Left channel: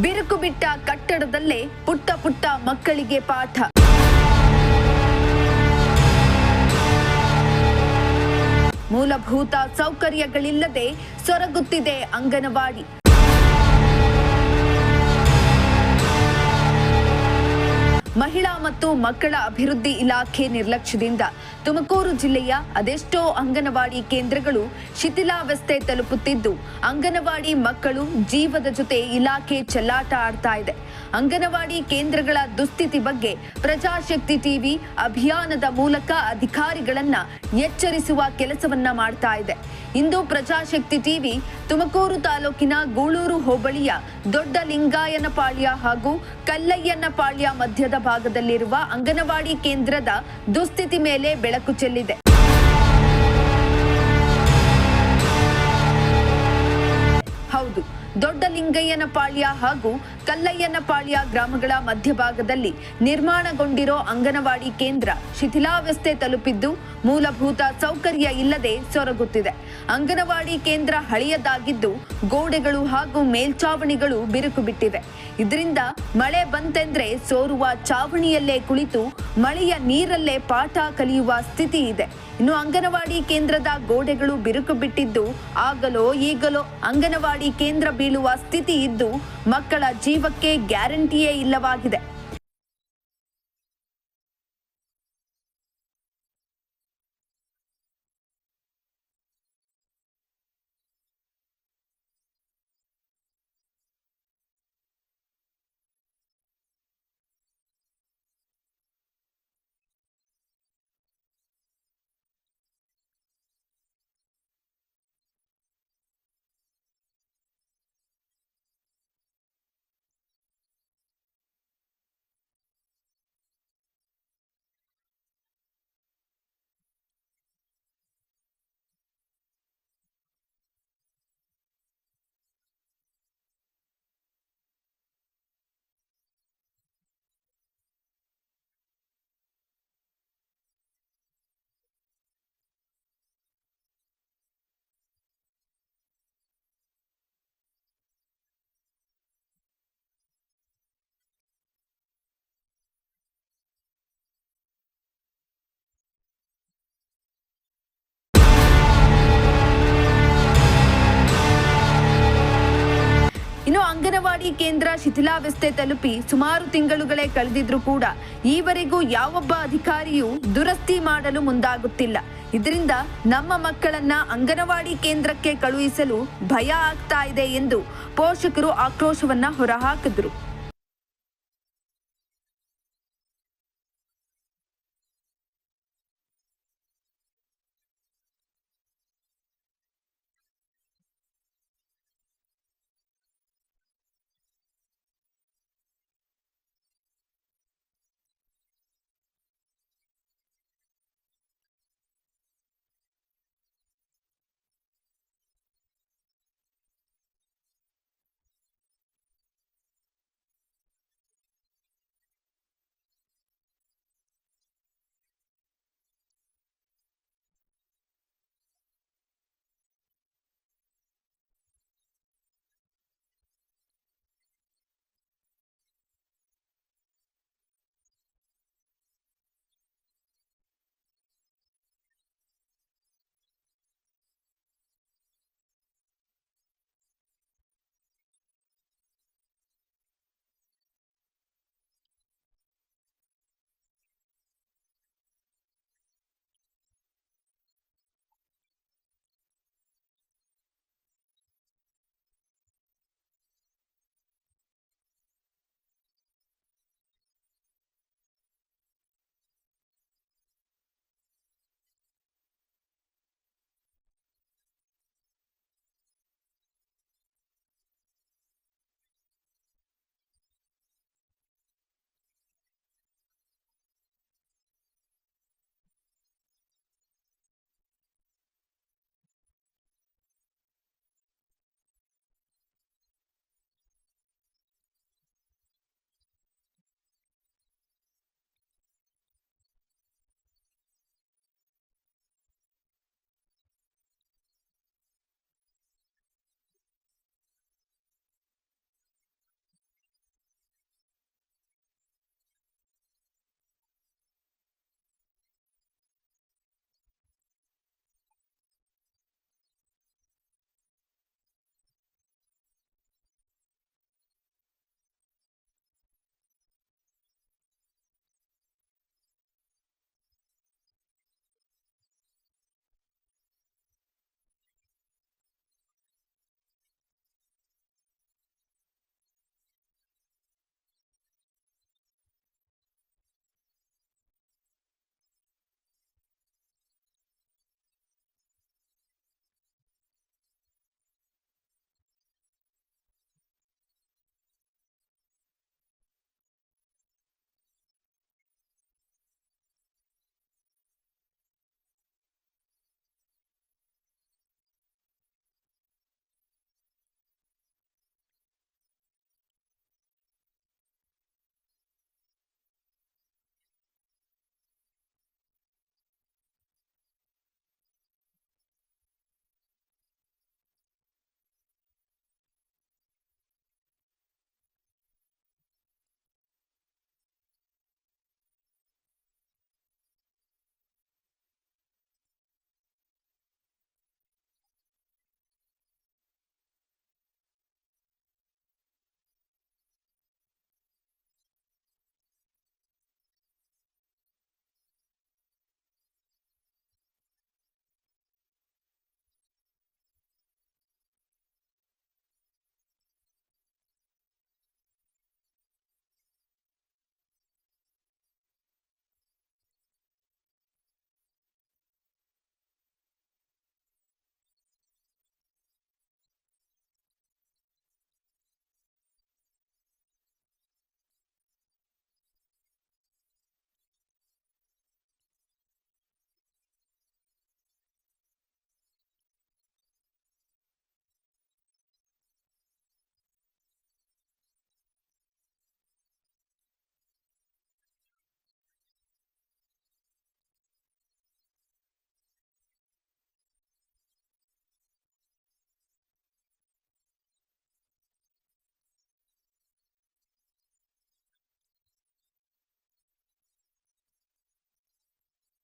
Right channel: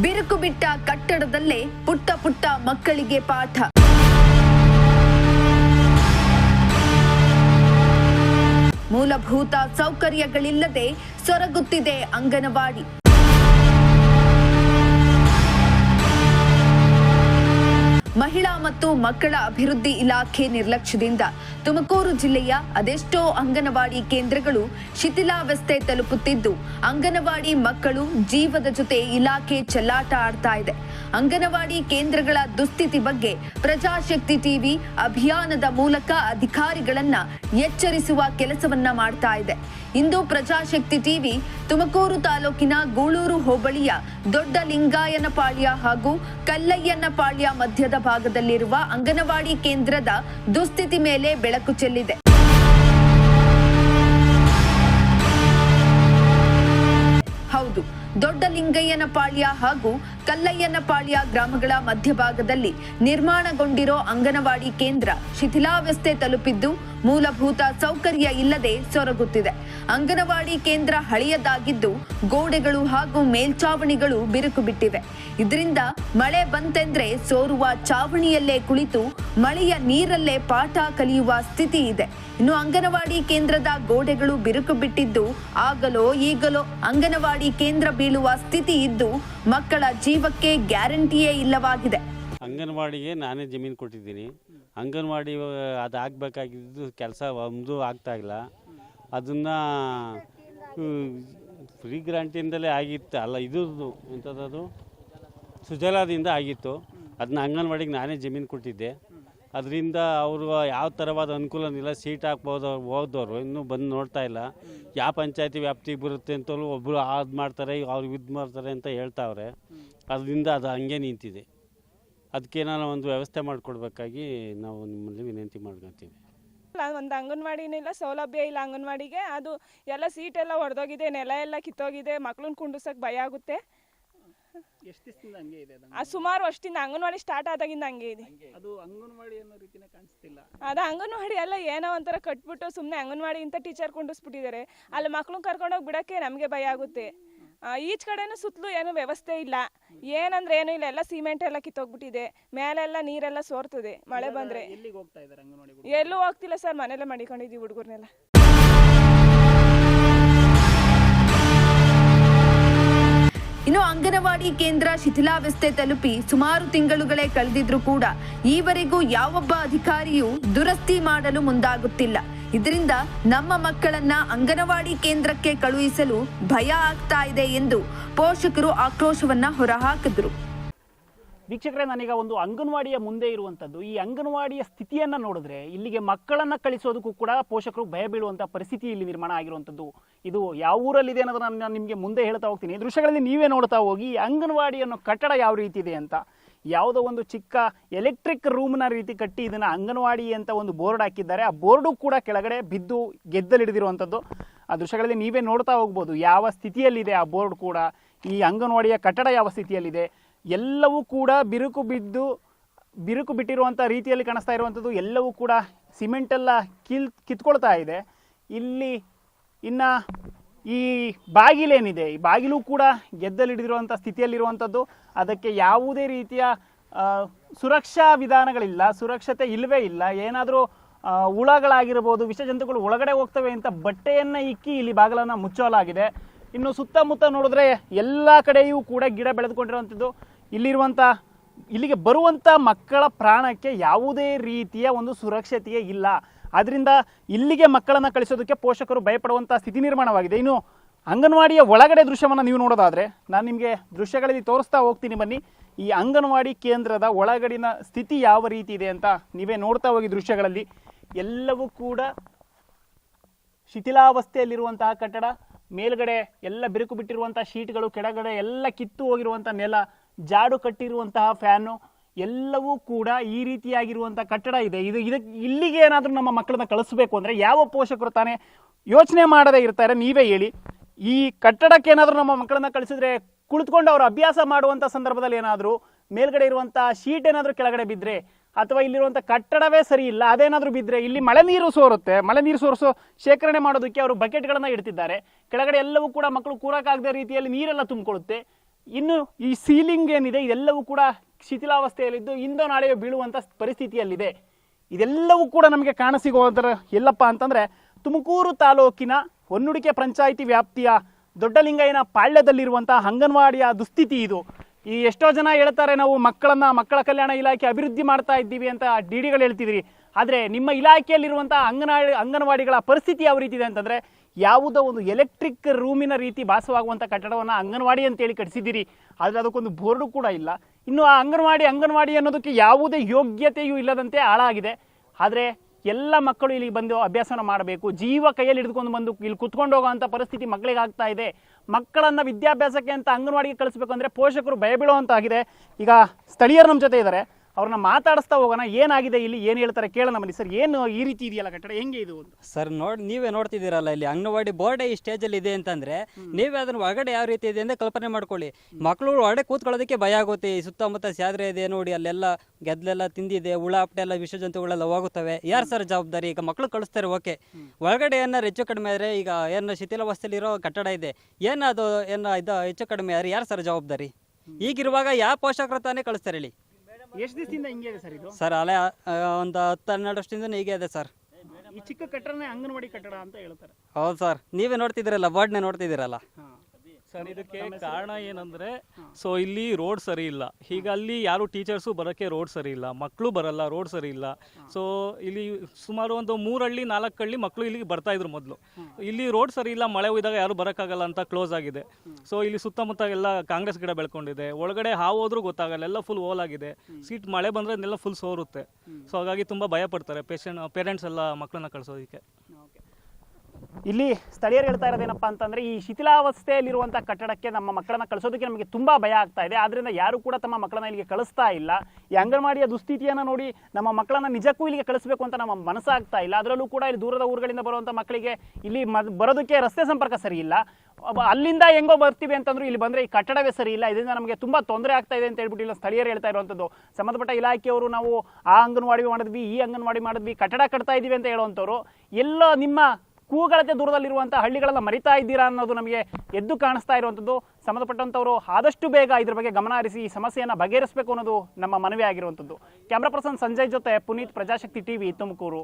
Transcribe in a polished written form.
ಬಿರುಕು ಬಿಟ್ಟ ಕಟ್ಟಡದಲ್ಲೇ ಪುಟ್ಟ ಪುಟ್ಟ ಮಕ್ಕಳಿಗೆ ಪಾಠ. ಮೂಲಭೂತ ಸೌಕರ್ಯಗಳಿಲ್ಲದೆ ಸೊರಗುತ್ತಿದೆ ಅಂಗನವಾಡಿ. ಮಹಿಳಾ ಮತ್ತು ಮಕ್ಕಳ ಅಭಿವೃದ್ಧಿ ಇಲಾಖೆ ನಿರ್ಲಕ್ಷ್ಯದಿಂದ ತುಮಕೂರು ಜಿಲ್ಲೆಯ ಅದೆಷ್ಟೋ ಅಂಗನವಾಡಿ ಕೇಂದ್ರಗಳು ಶಿಥಿಲಾವಸ್ಥೆ ತಲುಪುತ್ತಿದ್ದು, ಅಂಗನವಾಡಿ ಮಕ್ಕಳು ಜೀವದ ಜೊತೆ ಇಲಾಖೆ ಚೆಲ್ಲಾಟ ಆಡ್ತಾ ಇದೆ. ಅಂಗನವಾಡಿ ಕೇಂದ್ರಗಳ ದುಸ್ಥಿತಿ ಬಗ್ಗೆ ಪ್ರಜಾಶಕ್ತಿ ಟಿವಿ ಅಭಿಯಾನದ ಮೂಲಕ ಅಧಿಕಾರಿಗಳನ್ನ ಎಚ್ಚರಿಸುವ ಕೆಲಸವನ್ನ ಮಾಡ್ತಾ ಇದೆ. ಇಂದು ಪ್ರಜಾಶಕ್ತಿ ಟಿವಿ ತುಮಕೂರು ತಾಲೂಕಿನ ಗೂಳೂರು ಹೋಬಳಿಯ ದೊಡ್ಡ ಲಿಂಗಾಯನಪಾಳ್ಯ ಹಾಗೂ ಕಲ್ಲಯ್ಯನಪಾಳ್ಯ ಮಧ್ಯದ ಭಾಗದಲ್ಲಿರುವ ಅಂಗನವಾಡಿ ಕೇಂದ್ರದ ದುಸ್ಥಿತಿ ಮೇಲೆ ಬೆಳಕು ಚೆಲ್ಲಿದೆ. ಹೌದು, ದೊಡ್ಡ ಲಿಂಗಯ್ಯನಪಾಳ್ಯ ಹಾಗೂ ಕಲ್ಲಯ್ಯನಪಾಳ್ಯ ಗ್ರಾಮಗಳ ಮಧ್ಯಭಾಗದಲ್ಲಿ ನಿರ್ಮಾಣಗೊಂಡಿರೋ ಅಂಗನವಾಡಿ ಕೇಂದ್ರ ಶಿಥಿಲಾವಸ್ಥೆ ತಲುಪಿದ್ದು, ಮೂಲಭೂತ ಸೌಕರ್ಯ ಇಲ್ಲದೆ ಸೊರಗುತ್ತಿದೆ. ಅಂಗನವಾಡಿ ಕೇಂದ್ರ ಹಳೆಯದಾಗಿದ್ದು, ಗೋಡೆಗಳು ಹಾಗೂ ಮೇಲ್ಚಾವಣಿಗಳು ಬಿರುಕು ಬಿಟ್ಟಿವೆ. ಇದರಿಂದ ಮಳೆ ಬಂತೆಂದ್ರೆ ಸೋರುವ ಚಾವಣಿಯಲ್ಲೇ ಕುಳಿತು ಮಳೆಯ ನೀರಲ್ಲೇ ಪಾಠ ಕಲಿಯುವ ಸ್ಥಿತಿ ಇದೆ. ಇನ್ನು ಅಂಗನವಾಡಿ ಕೇಂದ್ರದ ಗೋಡೆಗಳು ಬಿರುಕು ಬಿಟ್ಟಿದ್ದು, ಆಗಲೋ ಈಗಲೋ ಅಂಗನವಾಡಿ ಕೇಂದ್ರ ಬೀಳುವ ಸ್ಥಿತಿ ಇದ್ದು, ಮಕ್ಕಳ ಜೀವಕ್ಕೆ ಗ್ಯಾರಂಟಿಯೇ ಇಲ್ಲವಾಗಿದೆ. ಅಂಗನವಾಡಿಗೆ ನಾನೇ ಜಮೀನು ಕೊಟ್ಟಿದ್ದೀನಿ. ಅಂಗನವಾಡಿ ಅದು ಆಗಬೇಕಾಗಿದ್ದು ಕೆಲಸ ಒಂದು ಆಗ್ತಾ ಇಲ್ಲ. ಅದನ್ನು ಫ್ರೀ ಗ್ರಾಂಟಿಂದಲೇ ಆಗಿತ್ತು ಅಲ್ಲ, ಇದು ಎಂಥದ್ದು ಸುಜಲಾದಿಂದ ಆಗಿತ್ತು. ಅದನ್ನ ಅಂಗನವಾಡಿಗೆ ನಾನೇ ಜಮೀನು ಕೊಟ್ಟಿದ್ದೆ. ಅದರಿಂದ ಅವರು ಯಾವ ಥರವಾದ ಅನುಕೂಲನಿಲ್ಲ. ಸೀಟ್ ಹಾಕ್ಬೋದು ಹೋದವರು ಇನ್ನೂ ಬಂದು ನೋಡ್ತಾ ಇಲ್ಲ. ಯಾವ ಪಂಚಾಯತಿ ವ್ಯಾಪ್ತಿಗೆ ಬರುತ್ತೆ ಅಂತಲೂ ಒಬ್ಬರು ಅದು ಮಾಡ್ತಾರೆ, ಅವ್ರು ಇದು ಮಾಡ್ತಾರೆ ಅಂತ ಹೇಳ್ತಾವ್ರೆ. ಅದರಿಂದ ಅದು ಹಂಗೆ ನಿಂತಿದೆ. ಅದಕ್ಕೇನಾರ ಒಂದು ವ್ಯವಸ್ಥೆ ಮಾಡಿಕೊಡ್ಬೇಕಾಗಿ ನಾವು ನಿಮ್ಮಲ್ಲಿ ವಿನಂತಿ ಮಾಡ್ಕೊತೀವಿ. ಒಂದು ಅಂಗನವಾಡಿನೂ ಇಲ್ಲ, ಸೌಲಭ್ಯ ಇಲ್ಲ ಅಂಗನವಾಡಿಗೆ. ಅದು ಎಲ್ಲ ಸೀಟೆಲ್ಲ ಒಡೆದೋಗಿದೆ, ನೆಲ ಎಲ್ಲ ಕಿತ್ತೋಗಿದೆ, ಮಕ್ಳನ್ನ ಕುಂಡಿಸೋಕೆ ಭಯ ಆಗುತ್ತೆ. ಸುಮಾರು ವರ್ಷದಿಂದ ಅಂಗನವಾಡಿ ಸ್ಟಾರ್ಟ್ ಆದಾಗಿಂದ ಹಂಗೆ ಇದೆ. ಅದು ಅಂಗನವಾಡಿ ಅನ್ನೋ ರೀತಿನೇ ಕಾಣಿಸ್ತಿಲ್ಲ. ಅದ ಅಂಗನವಾಡಿ ಎಲ್ಲ ಏನೋ ಒಂಥರ ಕಟ್ಬಿಟ್ಟು ಸುಮ್ಮನೆ ಅಂಗನವಾಡಿ ಇಂಥ ಟೀಚರ್ ಕುಂಡಿಸ್ಬಿಟ್ಟಿದ್ದಾರೆ. ಅಲ್ಲಿ ಮಕ್ಳನ್ನ ಕರ್ಕೊಂಡೋಗಿ ಬಿಡೋಕ್ಕೆ ನಮಗೆ ಭಯ ಆಗುತ್ತೆ. ಈಚ್ ಕಡೆನೂ ಸುತ್ತಲೂ ಏನೂ ವ್ಯವಸ್ಥೆ ಇಲ್ಲ. ಏನಂದ್ರೆ ಏನೂ ಇಲ್ಲ, ಎಲ್ಲ ಸಿಮೆಂಟ್ ಎಲ್ಲ ಕಿತ್ತೋಗ್ಬಿಟ್ಟಿದೆ. ಮೇಲೆಲ್ಲ ನೀರೆಲ್ಲ ಸೋರ್ತದೆ ಮಳೆ ಬಂದರೆ. ಎಲ್ಲೂ ಹೋಗ್ತಿಲ್ಲ ಸರ್, ಮನೆಯಲ್ಲೇ ಮಾಡಿಕೊಂಡಿದ್ದೀವಿ ಹುಡುಗರ್ನೆಲ್ಲ. ಇನ್ನು ಅಂಗನವಾಡಿ ಕೇಂದ್ರ ಶಿಥಿಲಾವಸ್ಥೆ ತಲುಪಿ ಸುಮಾರು ತಿಂಗಳುಗಳೇ ಕಳೆದಿದ್ರೂ ಕೂಡ ಈವರೆಗೂ ಯಾವೊಬ್ಬ ಅಧಿಕಾರಿಯೂ ದುರಸ್ತಿ ಮಾಡಲು ಮುಂದಾಗುತ್ತಿಲ್ಲ. ಇದರಿಂದ ನಮ್ಮ ಮಕ್ಕಳನ್ನ ಅಂಗನವಾಡಿ ಕೇಂದ್ರಕ್ಕೆ ಕಳುಹಿಸಲು ಭಯ ಆಗ್ತಾ ಇದೆ ಎಂದು ಪೋಷಕರು ಆಕ್ರೋಶವನ್ನ ಹೊರಹಾಕಿದ್ರು. ವೀಕ್ಷಕರೇ, ನಾನೀಗ ಒಂದು ಅಂಗನವಾಡಿಯ ಮುಂದೆ ಇರುವಂಥದ್ದು. ಈ ಅಂಗನವಾಡಿಯ ಸ್ಥಿತಿಯನ್ನು ನೋಡಿದ್ರೆ ಇಲ್ಲಿಗೆ ಮಕ್ಕಳನ್ನು ಕಳಿಸೋದಕ್ಕೂ ಕೂಡ ಪೋಷಕರು ಭಯ ಬೀಳುವಂಥ ಪರಿಸ್ಥಿತಿ ಇಲ್ಲಿ ನಿರ್ಮಾಣ ಆಗಿರುವಂಥದ್ದು. ಇದು ಯಾವ ಊರಲ್ಲಿದೆ ಅನ್ನೋದನ್ನು ನಾನು ನಿಮಗೆ ಮುಂದೆ ಹೇಳ್ತಾ ಹೋಗ್ತೀನಿ. ದೃಶ್ಯಗಳಲ್ಲಿ ನೀವೇ ನೋಡ್ತಾ ಹೋಗಿ ಅಂಗನವಾಡಿ ಅನ್ನೋ ಕಟ್ಟಡ ಯಾವ ರೀತಿ ಇದೆ ಅಂತ. ಯಾವುದೋ ಒಂದು ಚಿಕ್ಕ ಎಲೆಕ್ಟ್ರಿಕ್ ರೂಮ್ನ ರೀತಿ ಕಟ್ಟಿ ಇದನ್ನು ಅಂಗನವಾಡಿ ಅಂತ ಒಂದು ಬೋರ್ಡ್ ಹಾಕಿದ್ದಾರೆ. ಆ ಬೋರ್ಡು ಕೂಡ ಕೆಳಗಡೆ ಬಿದ್ದು ಗೆದ್ದಲಿಡಿದಿರುವಂಥದ್ದು. ಆ ದೃಶ್ಯಗಳಲ್ಲಿ ನೀವೇ ನೋಡ್ತಾ ಹೋಗ್ಬೋದು ಯಾವ ಸ್ಥಿತಿಯಲ್ಲಿದೆ ಆ ಬೋರ್ಡ್ ಕೂಡ. ಈ ಅಂಗನವಾಡಿಯ ಕಟ್ಟಡ ಯಾವ ಸ್ಥಿತಿಯಲ್ಲಿದೆ, ಎಲ್ಲವೂ ಕೂಡ ಬಿರುಕು ಬಿಟ್ಟಿರುವಂಥ ರೀತಿಯಲ್ಲಿ ಕಾಣಿಸ್ತಾ ಇರುವಂಥದ್ದು. ಎಲ್ಲವೂ ಕೂಡ ಸಿಮೆಂಟೆಲ್ಲ ಕಿತ್ಕೊಳ್ತಾ ಇದೆ. ಇಲ್ಲಿ ಇನ್ನು ಈ ಬಾಗಿಲೇನಿದೆ, ಈ ಬಾಗಿಲು ಕೂಡ ಗೆದ್ದಲಿಡಿದಿರುವಂಥ ಸ್ಥಿತಿಯಲ್ಲಿರುವಂಥದ್ದು. ಅದಕ್ಕೆ ಯಾವುದೇ ರೀತಿಯ ಸುರಕ್ಷಾ ವಿಧಾನಗಳಿಲ್ಲ, ಸುರಕ್ಷತೆ ಇಲ್ಲವೇ ಇಲ್ಲ. ಏನಾದರೂ ಹುಳಗಳಾಗಿರ್ಬೋದು, ವಿಷಜಂತುಗಳು ಒಳಗಡೆ ಹೋಗ್ತವೆ ಅಂತ ಬಟ್ಟೆಯನ್ನು ಇಕ್ಕಿ ಇಲ್ಲಿ ಬಾಗಿಲನ್ನು ಮುಚ್ಚಲಾಗಿದೆ. ಇನ್ನು ಸುತ್ತಮುತ್ತ ನೋಡಿದ್ರೆ ಎಲ್ಲ ಕಡೆಯೂ ಕೂಡ ಗಿಡ ಬೆಳೆದುಕೊಂಡಿರುವಂಥದ್ದು. ಇಲ್ಲಿಗೆ ಬರುವಂಥ ಮಕ್ಕಳ ಪ್ರಾಣಕ್ಕೆ ಯಾವುದೇ ರೀತಿಯ ಒಂದು ಸುರಕ್ಷತೆಯೇ ಇಲ್ಲ. ಆದ್ದರಿಂದ ಇಲ್ಲಿಗೆ ಮಕ್ಕಳನ್ನು ಕಳಿಸೋದಕ್ಕೆ ಪೋಷಕರು ಭಯಪಡುವಂಥ ಸ್ಥಿತಿ ನಿರ್ಮಾಣವಾಗಿದೆ. ಇನ್ನು ಅಂಗನವಾಡಿಯ ಒಳಗಡೆ ದೃಶ್ಯವನ್ನು ನೀವು ನೋಡೋದಾದರೆ ನಾನು ನಿಮಗೆ ದೃಶ್ಯಗಳಲ್ಲಿ ತೋರಿಸ್ತಾ ಹೋಗ್ತೀನಿ ಬನ್ನಿ. ಈ ಅಂಗನವಾಡಿ ಕೇಂದ್ರದ ಒಳಗಡಿನ ಸ್ಥಿತಿ ಯಾವ ರೀತಿ ಇದೆ ಅಂತ ನೀವೇ ನೋಡ್ತಾ ಹೋಗಿ. ದೃಶ್ಯಗಳಲ್ಲಿ ಎಲ್ಲವೂ ಕೂಡ ಶಿಥಿಲಾವಸ್ಥೆಯಲ್ಲಿರುವಂತಹ ಕಟ್ಟಡ. ಮೇಲ್ಗಡೆ ಎಲ್ಲ ಬಿರುಕು ಬಿಟ್ಟಿರುವಂಥ ಶೀಟ್ಗಳು, ಕೆಳಗಡೆ ಎಲ್ಲ ಕಿತ್ತು ಹೋಗಿರುವಂಥ ನೆಲ, ಜಾಡು ಕಟ್ಟಿರುವಂತಹ ಫ್ಯಾನು, ಎಲ್ಲವೂ ಕೂಡ ಈ ರೀತಿಯಾಗಿರುವಂಥ ಕಟ್ಟಡ ಇದೆ. ಇಲ್ಲಿಗೆ ಏನಾದರೂ ನಮ್ಮ ಮಕ್ಕಳನ್ನ ಕಳಿಸ್ಬೇಕು ಅಂದರೆ ಯಾವ ಪೋಷಕರು ತಾನೇ ಯೋಚನೆ ಮಾಡದೇ ಇರ್ತಾರೆ? ನೀವೇ ಹೇಳಿ. ಈ ಕಟ್ಟಡಕ್ಕೆ ಏನಾದರೂ ನಮ್ಮ ಮಕ್ಕಳನ್ನ ಕಳಿಸಿದ್ರೆ ಕುಳಿತುಕೊಂಡು ಅವರು ಅಭ್ಯಾಸ ಮಾಡುವಂಥ ಸಂದರ್ಭದಲ್ಲಿ ಏನಾದರೂ ಮೇಲ್ಗಡೆ ಇರುವಂಥ ಶೀಟ್ ಏನಾದರೂ ಕೆಳಗಡೆ ಬಿದ್ದರೆ, ಅಥವಾ ಇಲ್ಲಿರುವಂಥ ಕಟ್ಟಡವೇ ಸರಿ ಇಲ್ಲ ಅದೇನಾದರೂ ಬಿದ್ದರೆ ಇಲ್ಲಿ ಮಳೆ ನೀರು ಸೋರುತ್ತೆ. ಮಳೆ ನೀರು ಸೋರಿಸೋ ಶೇಖರಣೆ ಮಾಡೋದಕ್ಕೆ ಅವರು ಬಕೆಟ್ಗಳನ್ನು ಇಡ್ತಿದ್ದಾರೆ. ಕೆಳಗಡೆ ಎಲ್ಲವೂ ಕೂಡ ಮಕ್ಕಳು ಕೂರಕ್ಕಾಗದ ರೀತಿಯಲ್ಲಿ ನೀರೆಲ್ಲ ತುಂಬಿಕೊಳ್ಳುತ್ತೆ. ಇನ್ನು ಈ ಸೀಲಿಂಗ್ ಏನಿದೆ ಇದೆಲ್ಲವೂ ಕೂಡ ಶಿಥಿಲಾವಸ್ಥೆಯಲ್ಲಿದ್ದು ಇಂದೋ ನಾಳೆಯೋ ಬೀಳುವಂಥ ಪರಿಸ್ಥಿತಿಯಲ್ಲಿದೆ. ಇದೆಲ್ಲವೂ ಕೂಡ ನಮಗೆ ಕಾಣಸಿಗುವುದರ ಎಲ್ಲಪ್ಪ ಅಂತಂದರೆ ತುಮಕೂರು ತಾಲೂಕಿನ ಹೊನ್ನುಡಿಕೆ ಪಂಚಾಯಿತಿ ವ್ಯಾಪ್ತಿಯ ದೊಡ್ಡಲಿಂಗಯ್ಯನ ಪಾಳ್ಯದಲ್ಲಿರುವಂಥ ಅಂಗನವಾಡಿಯ ದುಸ್ಥಿತಿ ಇದು. ಈ ಎಷ್ಟೋ ಜನ ಹೇಳ್ತಾರೆ ನಾವು ಮಕ್ಕಳ ಕಲ್ಯಾಣ ಇಲಾಖೆ ಅಭಿವೃದ್ಧಿ ಮಾಡ್ತಾ ಇದ್ದೀವಿ ಅಂತ ಡಿಡಿಗಳು ಹೇಳ್ತಿದ್ರಿ. ಆದರೆ ನಿಮ್ಮ ಇಲಾಖೆಯಲ್ಲಿರುವಂಥ ಅಂಗನವಾಡಿಗಳ ಪರಿಸ್ಥಿತಿ ಯಾವ ರೀತಿ ಇದೆ ಅಂತಂದರೆ ಯಾವುದೋ ಒಂದು ಎಲೆಕ್ಟ್ರಿಕ್ ರೂಮಿನ ರೀತಿ ಭಾಸವಾಗುವಂಥ ಕಟ್ಟಡವನ್ನು ಅಂಗನವಾಡಿ ಅಂತೇಳಿ ಕಟ್ಟಿಸಿದ್ದೀರಿ. ಆದರೆ ಅದಕ್ಕೊಂದು ಬೋರ್ಡು ಕೂಡ ಇಲ್ಲ. ಇನ್ನು ಆ ಅಂಗನವಾಡಿ ಅನ್ನೋದಕ್ಕೆ ಯಾವುದೇ ಯೋಗ್ಯತೆಯೂ ಇಲ್ಲದಂತೆ ಹಾಳಾಗಿದೆ. ಆದರೆ ಎಲ್ಲ ಮಕ್ಕಳು ಇಲ್ಲಿಗೆ ಬಂದು ಅಭ್ಯಾಸನ ಮಾಡಬೇಕು, ಜೀವ ಕೈಯಲ್ಲಿ ಹಿಡಿದುಕೊಂಡು ಬಂದು ಇಲ್ಲಿ ಕುತ್ಕೊಂಡು ಹೋಗೋವಂಥ ಪರಿಸ್ಥಿತಿ ಮಕ್ಕಳಿಗೆ ಆಗ್ತಾ ಇದೆ. ಮಕ್ಕಳನ್ನು ವಿದ್ಯಾಭ್ಯಾಸಕ್ಕೆ ಅಂತ ಅಂಗನವಾಡಿಗೆ ಕಳಿಸ್ಬೇಕು ಅಂದರೆ ಪೋಷಕರು ಭಯ ಬೀಳುವಂತಾಗಿದೆ. ಈಗ ಸ್ಥಳೀಯರು ನಮ್ಮ ಜೊತೆ ಇದ್ದಾರೆ, ಅವ್ರನ್ನ ಮಾತಾಡಿಸ್ತಾ ಹೋಗೋಣ. ಏನಾಗಿದೆ ಇಲ್ಲಿ, ಏನು ಹೇಳ್ತಾರೆ ಕೇಳೋಣ ಬನ್ನಿ. ಸರ್, ಏನು ಈ ರೀತಿ ಇದೆಯಲ್ಲ ಕಟ್ಟಡ, ಹೆಂಗೆ ಇದು? ಸರ್ ನೀವೇ ನೋಡ್ತಿದ್ದೀರಲ್ಲ, ಇಲ್ಲಿ ಅಂಗನವಾಡಿ ಬೋರ್ಡೇ ಈ ಸ್ಟೇಜಲ್ಲಿ ಇದೆ ಅಂತಂದ್ರೆ ನೀವೇ ಅದನ್ನ ಒಳಗಡೆ ಯಾವ ರೀತಿ ಇದೆ ಅಂತ ಕಲ್ಪನೆ ಮಾಡ್ಕೊಳ್ಳಿ. ಮಕ್ಕಳು ಒಳಗಡೆ ಕೂತ್ಕೊಳ್ಳೋದಕ್ಕೆ ಭಯ ಆಗುತ್ತೆ. ಈ ಸುತ್ತಮುತ್ತ ಸ್ಯಾದ್ರೆ ಇದೆ ನೋಡಿ, ಅಲ್ಲೆಲ್ಲ ಗೆದ್ಲೆಲ್ಲ ತಿಂದಿದೆ, ಹುಳ ಅಪ್ಪಟೆಲ್ಲ ವಿಷಜಂತುಗಳೆಲ್ಲ ಹೋಗುತ್ತವೆ. ಯಾರು ಸರ್ ಜವಾಬ್ದಾರಿ? ಈಗ ಮಕ್ಕಳು ಕಳಿಸ್ತಾರೆ, ಓಕೆ, ಒಳಗಡೆ ಏನಾರು ಹೆಚ್ಚು ಕಡಿಮೆ ಆದರೆ ಈಗ ಏನು ಶಿಥಿಲಾವಸ್ಥೆಯಲ್ಲಿರೋ ಕಟ್ಟಡ ಇದೆ, ಇದು ಹೆಚ್ಚು ಕಡಿಮೆ ಆದರೆ ಯಾರು ಸರ್ ಜವಾಬ್ದಾರಿ? ಈಗಿರುವಾಗ ಯಾವ ಪೋಷಕರು ತಾನೇ ಕಳಿಸ್ತಾರೆ ಹೇಳಿ? ಎಷ್ಟು ದಿವಸದಿಂದ ಹಿಂಗೆ ಇದೆ ಸರ್ ಇದು? ಸರ್ ಅಲ್ಲೇ ಒಂದು 10-12 ವರ್ಷದಿಂದ ಹೀಗೆ ಇದೆ ಸರ್. ಈ ಚಿಕ್ಕ ಕಟ್ಟಡನೇ ಅಂಗನವಾಡಿ ಕಟ್ಟಡ ಅಂತ ಹೇಳ್ತಾರೆ. ಹೌದು ಸರ್, ನೀವೇ ನೋಡ್ತಿದ್ದೀರಲ್ಲ, ಬೋರ್ಡ್ನೇ ನೋಡ್ತಿದ್ದೀರಲ್ಲ. ಸರ್, ಇದಕ್ಕೆ ಕಾರಣ ಏನಂದ್ರೆ, ಸೊ ಇಲ್ಲಿ ರೋಡ್ ಸರಿ ಇಲ್ಲ. ಈಗ ಅಲ್ಲಿ ಯಾರು ಟೀಚರ್ಸು ಬರೋಕ್ಕೆ ರೋಡ್ ಸರಿ ಇಲ್ಲ, ಮಕ್ಕಳು ಬರಲ್ಲ, ರೋಡ್ ಸರಿ ಇಲ್ಲ. ಸೊ ಇಲ್ಲಿ ಸುಮಾರು ಒಂದು 3 ಹಳ್ಳಿ 4 ಹಳ್ಳಿ ಮಕ್ಕಳು ಇಲ್ಲಿಗೆ ಬರ್ತಾ ಇದ್ರು ಮೊದಲು. ಇಲ್ಲಿ ರೋಡ್ ಸರಿ ಇಲ್ಲ, ಮಳೆ ಹೋದಾಗ ಯಾರು ಬರೋಕ್ಕಾಗಲ್ಲ ಅಂತ ಕ್ಲೋಸ್ ಆಗಿದೆ. ಸೊ ಇಲ್ಲಿ ಸುತ್ತಮುತ್ತ ಎಲ್ಲ ಕಾಂಗ್ರೆಸ್ ಗಿಡ ಬೆಳ್ಕೊಂಡಿದೆ, ಒಳಗಡೆ ಹಾವು ಹೋದ್ರೂ ಗೊತ್ತಾಗಲ್ಲ, ಎಲ್ಲ ಫುಲ್ ಹೋಲಾಗಿದೆ. ಸೀಟ್ ಮಳೆ ಬಂದರೆ ಅದನ್ನೆಲ್ಲ ಫುಲ್ ಸೋರುತ್ತೆ. ಸೊ ಹಾಗಾಗಿ ತುಂಬ ಭಯ ಪಡ್ತಾರೆ ಪೇರೆಂಟ್ಸ್ ಎಲ್ಲ ಮಕ್ಕಳನ್ನ ಕಳಿಸೋದಕ್ಕೆ. ಇಲ್ಲಿ ಸ್ಥಳೀಯರು ಹೇಳ್ತಾ ಇರೋದೇನಪ್ಪ ಅಂತಂದರೆ, ಈ ಶಿಥಿಲಾವಸ್ಥೆಯಲ್ಲಿರುವಂಥ ಕಟ್ಟಡಕ್ಕೆ ನಮ್ಮ ಮಕ್ಕಳನ್ನ ಕಳಿಸೋದಕ್ಕೆ ನಮಗೆ ತುಂಬ ಭಯ ಆಗ್ತಾ ಇದೆ. ಆದ್ದರಿಂದ ಯಾರು ಕೂಡ ತಮ್ಮ ಮಕ್ಕಳನ್ನ ಇಲ್ಲಿಗೆ ಕಳಿಸ್ತಾ ಇಲ್ಲ. ಈ ಅಂಗನವಾಡಿಯ ದುಸ್ಥಿತಿಯನ್ನು ನೋಡಿ ನಮ್ಮ ಮಕ್ಕಳನ್ನ ನಿಜಕ್ಕೂ ಇಲ್ಲಿಗೆ ಕಳಿಸ್ಬೇಕು ಅಂತ ನಮ್ಮ ಮನಸ್ಸಾಗ್ತಾ ಇಲ್ಲ. ಅದರಲ್ಲೂ ಕೂಡ ಇಲ್ಲಿ ದೂರದ ಊರುಗಳಿಂದ ಬರುವಂಥ ಮಕ್ಕಳಿಗೆ ಇಲ್ಲಿ ಬರೋದಕ್ಕೆ ರಸ್ತೆ ಸಂಪರ್ಕ ಸರಿ ಇಲ್ಲ. ಅಲ್ಲಿಂದ ಹೆಂಗೋ ಬರ್ತೀವಿ ಅಂತಂದ್ರು ಇಲ್ಲಿ ಬಂದರೆ ಈ ಕಟ್ಟಡವೇ ಸರಿ ಇಲ್ಲ. ಇದರಿಂದ ನಮಗೆ ತುಂಬ ತೊಂದರೆ ಆಗ್ತಾ ಇದೆ ಅಂತ ಹೇಳ್ಬಿಟ್ಟು ಇಲ್ಲ ಸ್ಥಳೀಯರು ಹೇಳ್ತಾ ಇರುವಂಥದ್ದು. ಸಂಬಂಧಪಟ್ಟ ಇಲಾಖೆಯವರು ನಾವು ಆ ಅಂಗನವಾಡಿ ಮಾಡಿದ್ವಿ, ಈ ಅಂಗನವಾಡಿ ಮಾಡಿದ್ವಿ, ಕಟ್ಟಡ ಕಟ್ತಾ ಇದ್ದೀವಿ ಅಂತ ಹೇಳುವಂಥವ್ರು ಎಲ್ಲೋ ನಿಮ್ಮ ಕೂಗಳತೆ ದೂರದಲ್ಲಿರುವಂಥ ಹಳ್ಳಿಗಳೆಲ್ಲ ಮರಿತಾ ಇದ್ದೀರಾ ಅನ್ನೋದು ನಮಗೆ ಎದ್ದು ಕಾಣಿಸ್ತಾ ಇರುವಂಥದ್ದು. ಸಂಬಂಧಪಟ್ಟಂಥವರು ಆದಷ್ಟು ಬೇಗ ಇದ್ರ ಬಗ್ಗೆ ಗಮನ ಹರಿಸಿ ಈ ಸಮಸ್ಯೆಯನ್ನು ಬಗೆಹರಿಸಬೇಕು ಅನ್ನೋದು ನಮ್ಮ ಮನವಿ ಆಗಿರುವಂಥದ್ದು. ಕ್ಯಾಮ್ರಾ ಪರ್ಸನ್ ಸಂಜಯ್ ಜೊತೆ ಪುನೀತ್, ಪ್ರಜಾಶಕ್ತಿ ಟಿವಿ, ತುಮಕೂರು.